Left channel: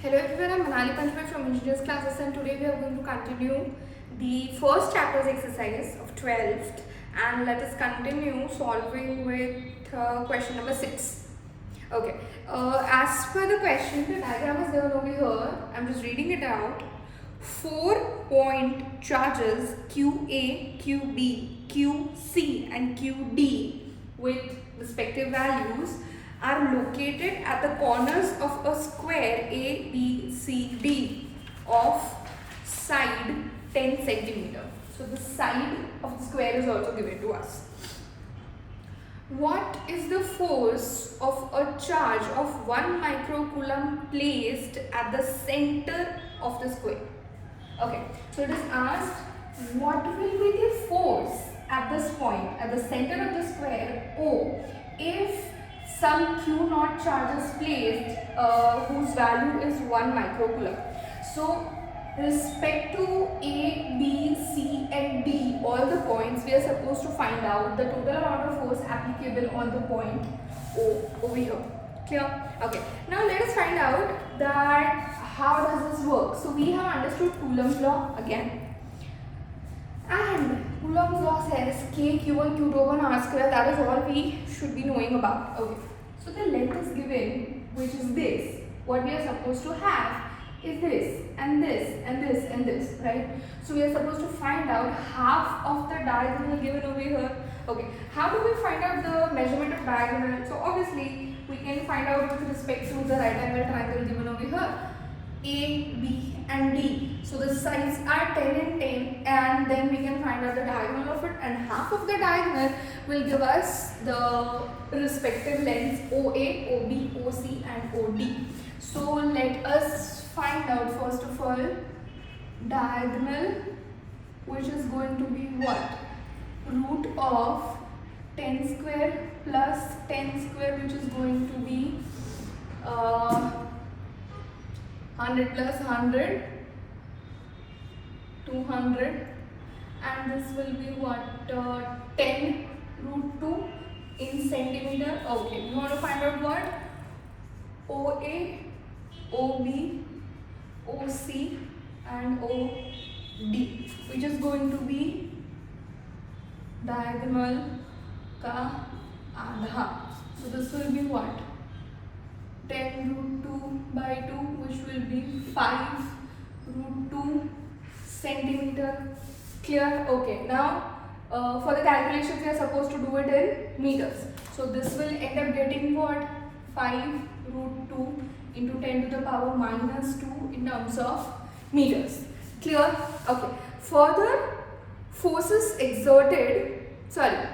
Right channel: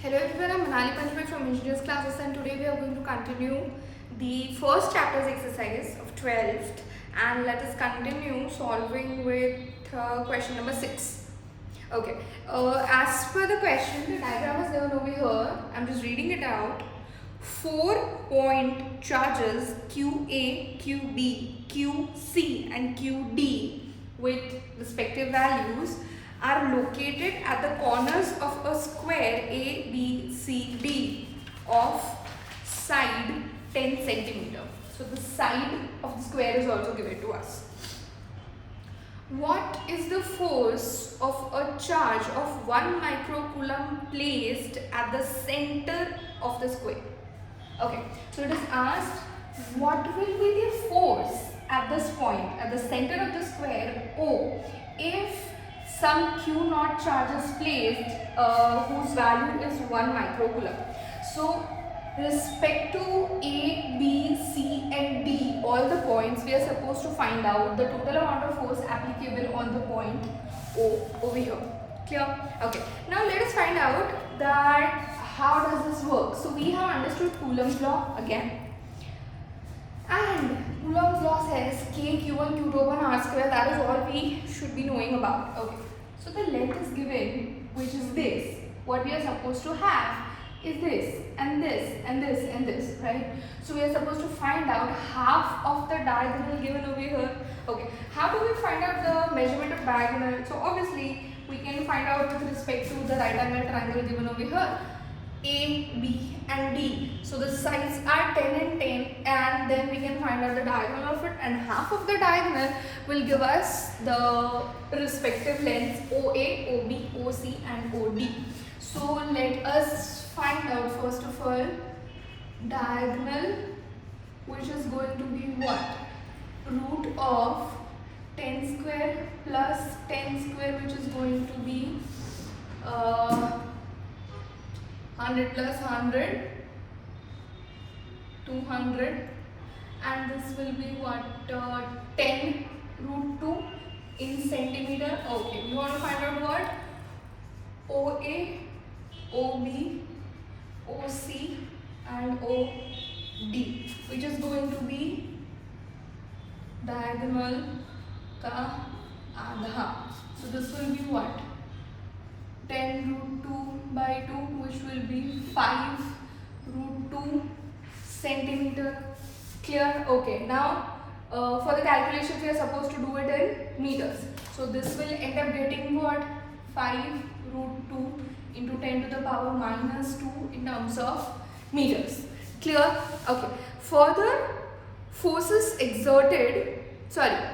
Hello everyone, I'm Manali Panchway from Engineers Classes, and today we are going to continue the first chapter's exercise of 12th, and let us continue solving with question number 6. Okay, as per the question, the diagram is given over here. I'm just reading it out. 4-point charges QA, QB, QC and QD with respective values are located at the corners of a square ABCD of side 10 centimeter. So the side of the square is also given to us. What is the force of a charge of 1 microcoulomb placed at the center of the square? Okay, so it is asked what will be the force at this point, at the center of the square O, if some Q naught charge is placed whose value is 1 microcoulomb. So respect to A, B, C and D, all the points, we are supposed to find out the total amount of force applicable on the point O over here. Clear? Okay. Now let us find out that how does this work. So we have understood Coulomb's law again. And Coulomb's law says K, Q1, Q2 upon R square. That is all we should be knowing about. Okay. So the length is given, which is this. What we are supposed to have is this and this and this and this, right? So we are supposed to find out half of the diagonal given over here. Okay, how do we find out the measurement of diagonal? So obviously we can find out with respect to the right angle triangle given over here, A, B and D. So the sides are 10 and 10, and then we can find out the diagonal of it, and half of the diagonal will give us the respective lengths OA, OB, OC and OD. So let us find out first of all diagonal, which is going to be what? Root of 10 square plus 10 square, which is going to be 100 plus 100, 200, and this will be what? 10 root 2 in centimeter. Okay, we want to find out what? OA, OB, OC and OD, which is going to be diagonal ka आधा. So this will be what? 10 root 2 by 2, which will be 5 root 2 centimeter. Clear? Okay. Now for the calculations we are supposed to do it in meters. So this will end up getting what? 5 root 2 into 10 to the power minus 2 in terms of meters. Clear? Okay. Further, forces exerted,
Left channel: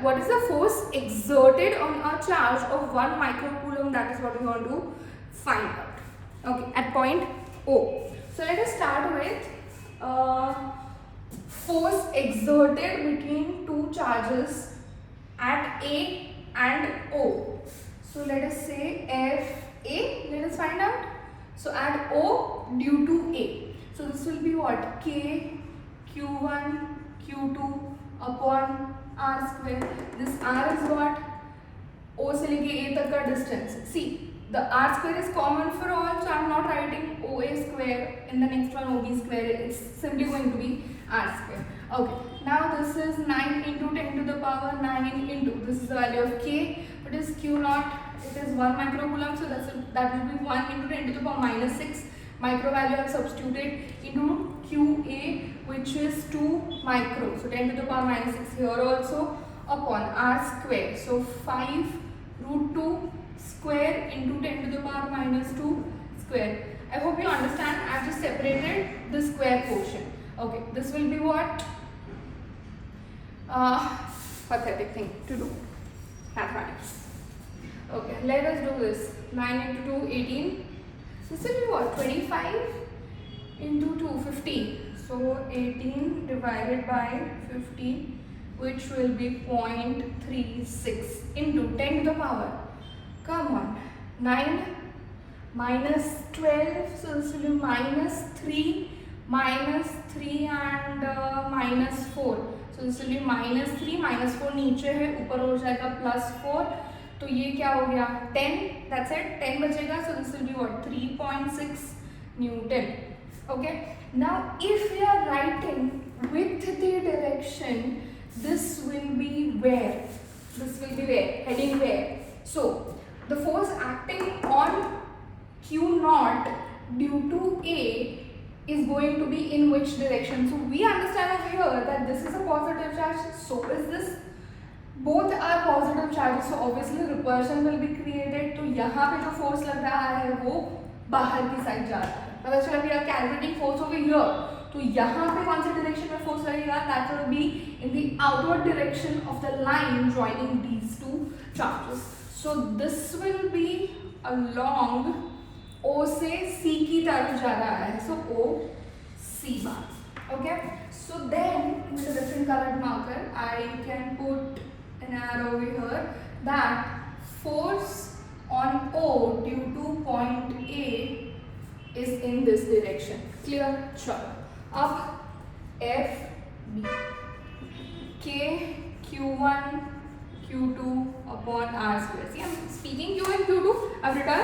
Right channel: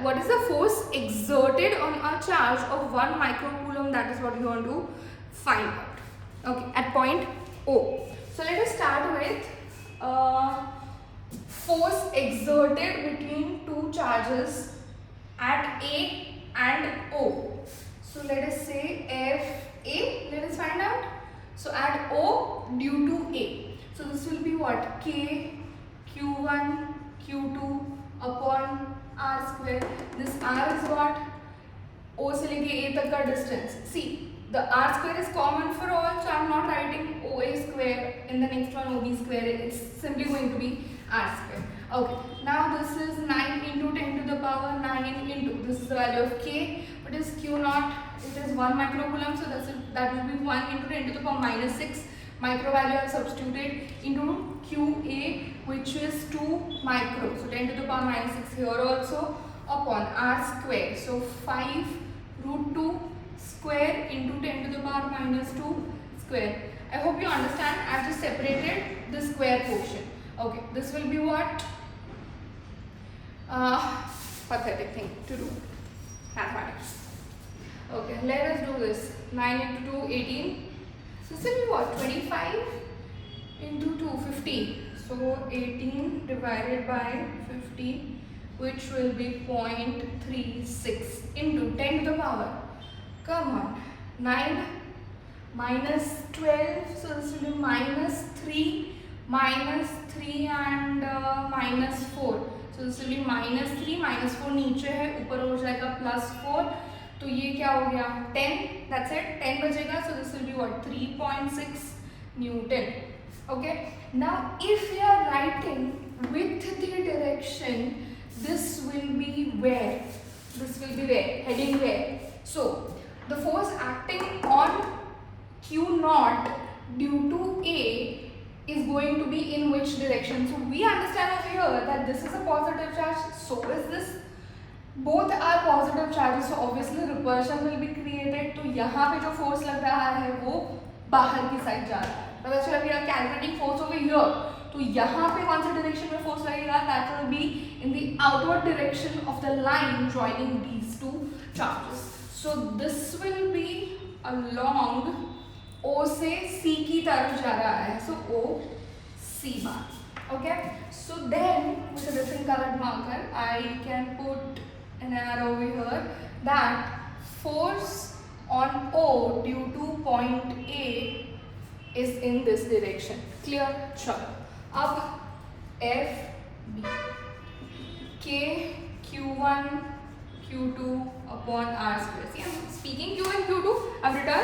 what is the force exerted on a charge of 1 microcoulomb? That is what we want to find out. Okay, at point O. So let us start with force exerted between two charges at A and O. So let us say FA, let us find out. So at O due to A. So this will be what? K, Q1, Q2 upon R square. This R is what? O se leke A tak ka distance. See, the R square is common for all, so I am not writing OA square in the next one OB square. It's simply going to be R square. Okay, now this is 9 into 10 to the power 9 into, this is the value of K. What is Q naught? It is 1 microcoulomb, so that will be 1 into 10 to the power minus 6. Micro value I have substituted into QA, which is 2 micro. So 10 to the power minus 6 here also upon R square. So 5 root 2 square into 10 to the power minus 2 square. I hope you understand. I have just separated the square portion. Okay, this will be what? Pathetic thing to do. Mathematics. Okay, let us do this. 9 into 2, 18. So this will be what? 25 into 2, 50. So 18 divided by 50, which will be 0.36 into 10 to the power. Come on. 9 minus 12. So this will be minus 3 and minus 4. So this will be minus 3, minus 4 नीचे है, ऊपर हो जाएगा plus 4. तो ये क्या हो गया 10, that's it, 10 बचेगा. So this will be what 3.6 Newton. Okay, now if we are writing with the direction, this will be where? This will be where? Heading where? So the force acting on Q naught due to A is going to be in which direction? So we understand over here that this is a positive charge, so is this. Both are positive charges, so obviously repulsion will be created. तो यहाँ पे जो force लग रहा है वो बाहर की साइड जा रहा है. पता चला, we are calculating force over here. तो यहाँ पे कौन से direction में force लगेगा? That will be in the outward direction of the line joining these two charges. So this will be along O से C की तरफ जा रहा है. So O C bar. Okay. So then with a different colored marker, I can put an arrow over here that force on O due to point A is in this direction. Clear? Sure. अब F B K Q1 Q2 upon R square. See, I'm speaking Q1 Q2. I've written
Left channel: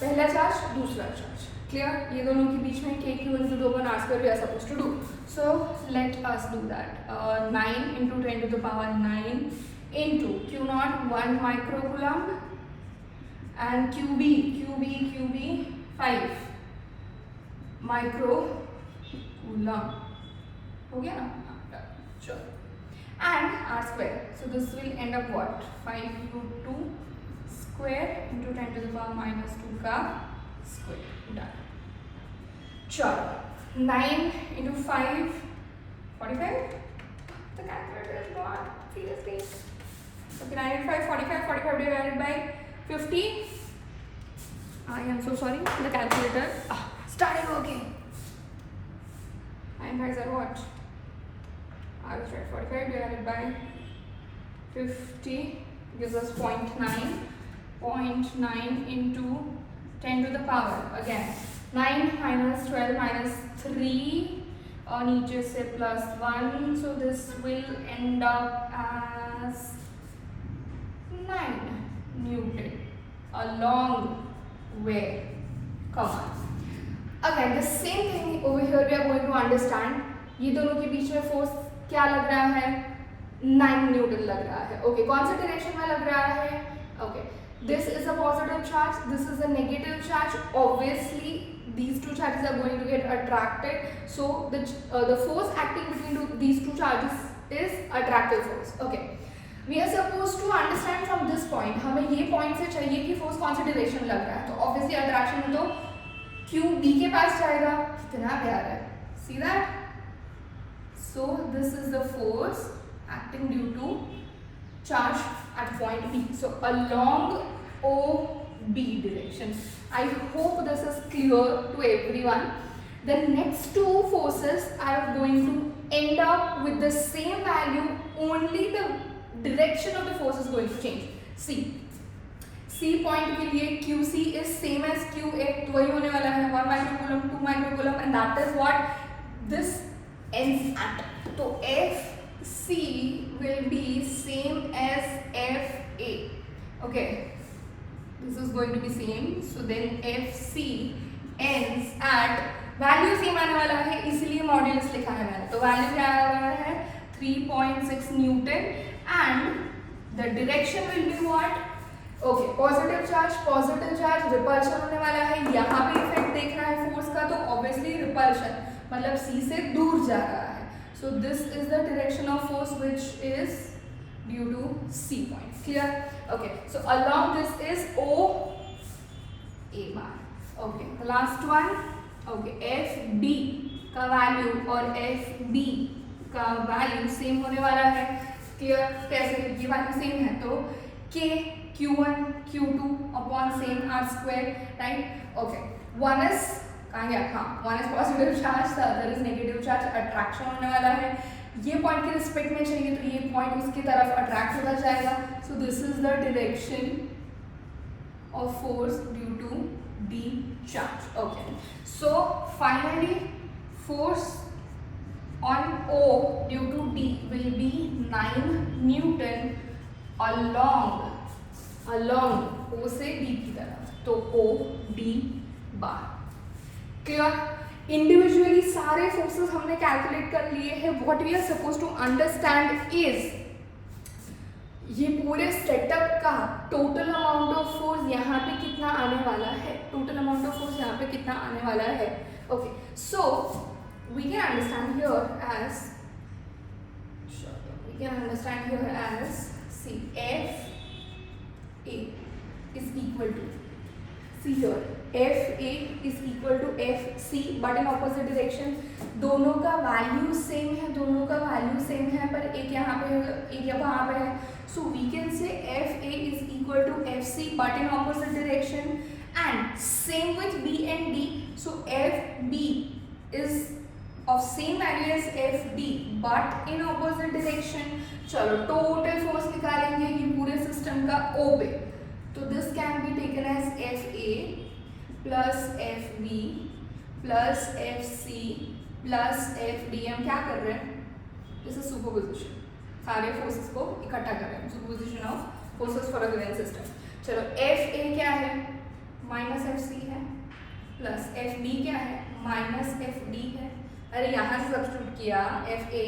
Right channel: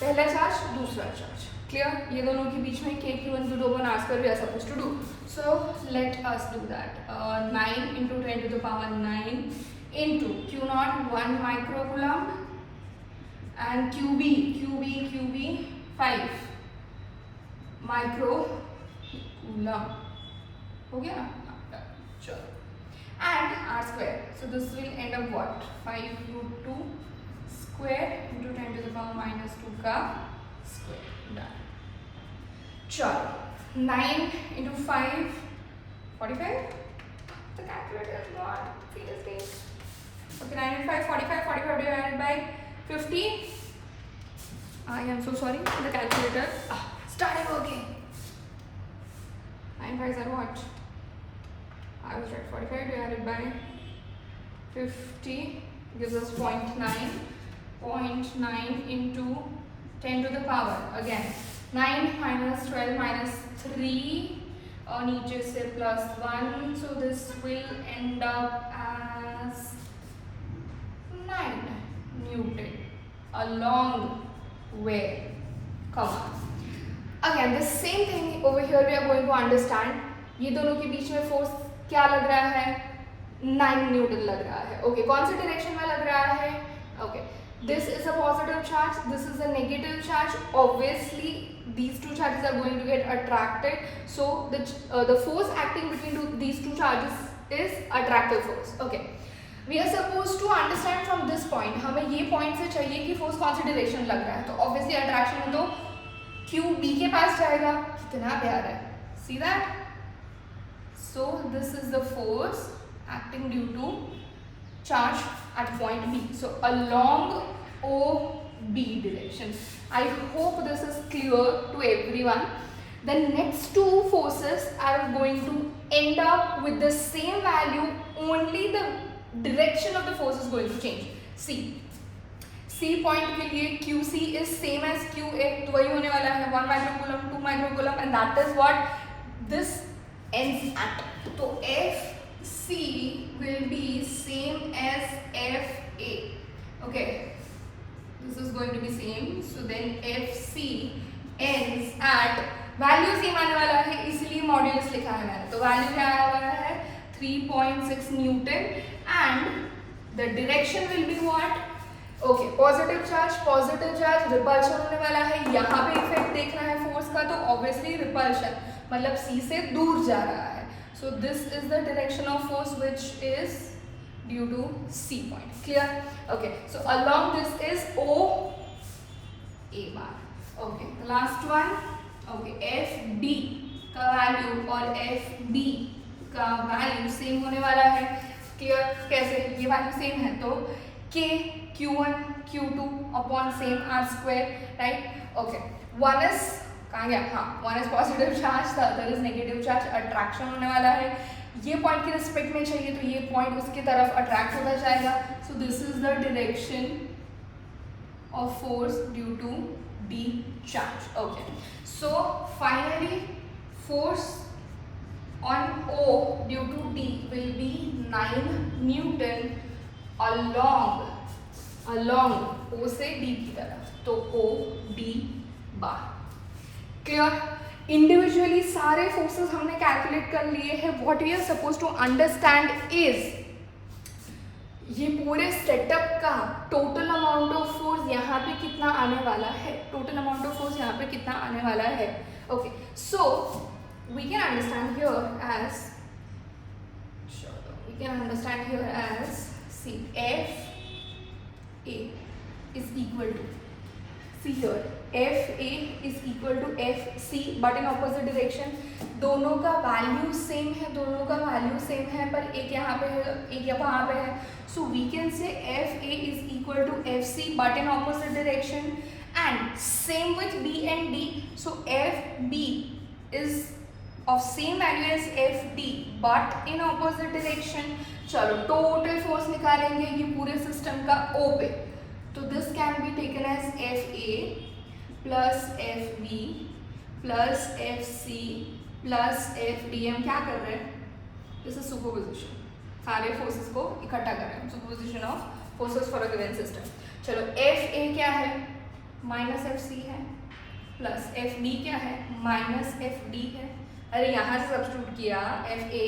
पहला charge, दूसरा charge. Clear? ये दोनों के बीच में K Q1 Q2 upon R square we are supposed to do. So let us do that. 9 into 10 to the power 9 into Q naught 1 microcoulomb and QB 5 microcoulomb. हो गया ना? Sure. And R square. So this will end up what? 5 root 2 square into 10 to the power minus 2 का square. Done. Sure. 9 into 5, 45. The calculator is gone. Seriously. Okay, 9 into 5, 45. 45 divided by 50. I am so sorry. The calculator started working. 9 5s are what? I was right. 45 divided by 50 gives us 0.9. 0.9 into 10 to the power. Again, 9 minus 12 minus 3. नीचे से plus 1. So this will end up as 9 Newton. Along where? Come on. Again, the same thing over here we are going to understand. ये दोनों के बीच में force क्या लग रहा है? 9 Newton लग रहा है. Okay, कौन सी direction में लग रहा है? Okay, this is a positive charge. This is a negative charge. Obviously, these two charges are going to get attracted. So the force acting between these two charges is attractive force. Okay. We are supposed to understand from this point. हमें ये point से चाहिए कि force कौन सी direction लग रहा है. तो obviously attraction में तो Q B के पास जाएगा. कितना प्यारा है. See that? So this is the force acting due to charge at point B. So along OB direction. I hope this is clear to everyone. The next two forces are going to end up with the same value, only the direction of the force is going to change. See, C point के लिए QC is same as QA, तो वही होने वाला है 1 microcoulomb, 2 microcoulomb, and that is what this ends at. तो FC will be same as FA. Okay. This is going to be same. So then FC ends at value same आने वाला है, इसलिए मॉड्यूलस लिखा है मैंने. तो वैल्यू क्या आया वाला है? 3.6 Newton and the direction will be what? Okay, positive charge, repulsion होने वाला है. यहाँ पे इफेक्ट देखना है फोर्स का, तो obviously repulsion मतलब C से दूर जा रहा है. So this is the direction of force which is due to C point. Clear? Okay, so along this is O A bar. Okay, the last one. Okay, FB का value और FB का value same होने वाला है. Clear? कैसे? ये value same है तो K Q1 Q2 upon same R square, right? Okay, one is कहाँ गया? हाँ, one is positive charge, the other is negative charge. Attraction होने वाला है. ये पॉइंट के रिस्पेक्ट में चाहिए तो ये पॉइंट उसकी तरफ अट्रैक्ट होता जाएगा. So this is the direction of force due to D charge. Okay, so finally force on O due to D will be 9 Newton along O से D की तरफ. तो O D bar. Clear? Individually सारे forces हमने calculate कर लिए हैं. What we are suppose to understand is ये पूरे सेटअप का टोटल अमाउंट ऑफ फोर्स यहाँ पे कितना आने वाला है, टोटल अमाउंट ऑफ फोर्स यहाँ पे कितना आने वाला है. Okay, so we can understand here as C F A is equal to, C here F A is equal to F C but in opposite direction. दोनों का वैल्यू सेम है, पर एक यहाँ पे है, एक वहाँ पे है. So we can say FA is equal to FC but in opposite direction, and same with B and D. So FB is of same value as FD but in opposite direction. चलो total force निकालेंगे ये पूरे system का O पे. तो this can be taken as FA plus FB plus FC plus FD. हम क्या कर रहे हैं? This is superposition. सारे फोर्सेस को इकट्ठा कर रहे हैं. Superposition of forces for a given system. चलो एफ ए क्या है, माइनस एफ सी है, प्लस एफ बी क्या है, माइनस एफ डी है. अरे यहाँ से सब्स्टिट्यूट किया एफ ए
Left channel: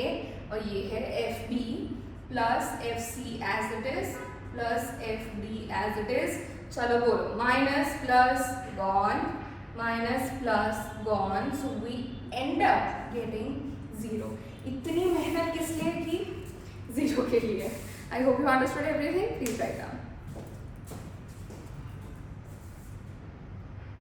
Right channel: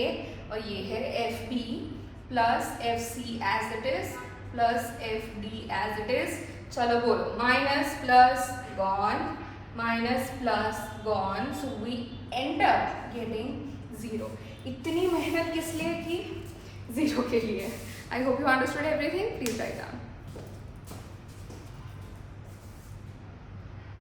और ये है F B plus F C as it is plus F D as it is. चलो बोलो minus plus gone, minus plus gone. So we end up getting zero. इतनी मेहनत किस लिए की? जीरो के लिए. I hope you understood everything. Please write down.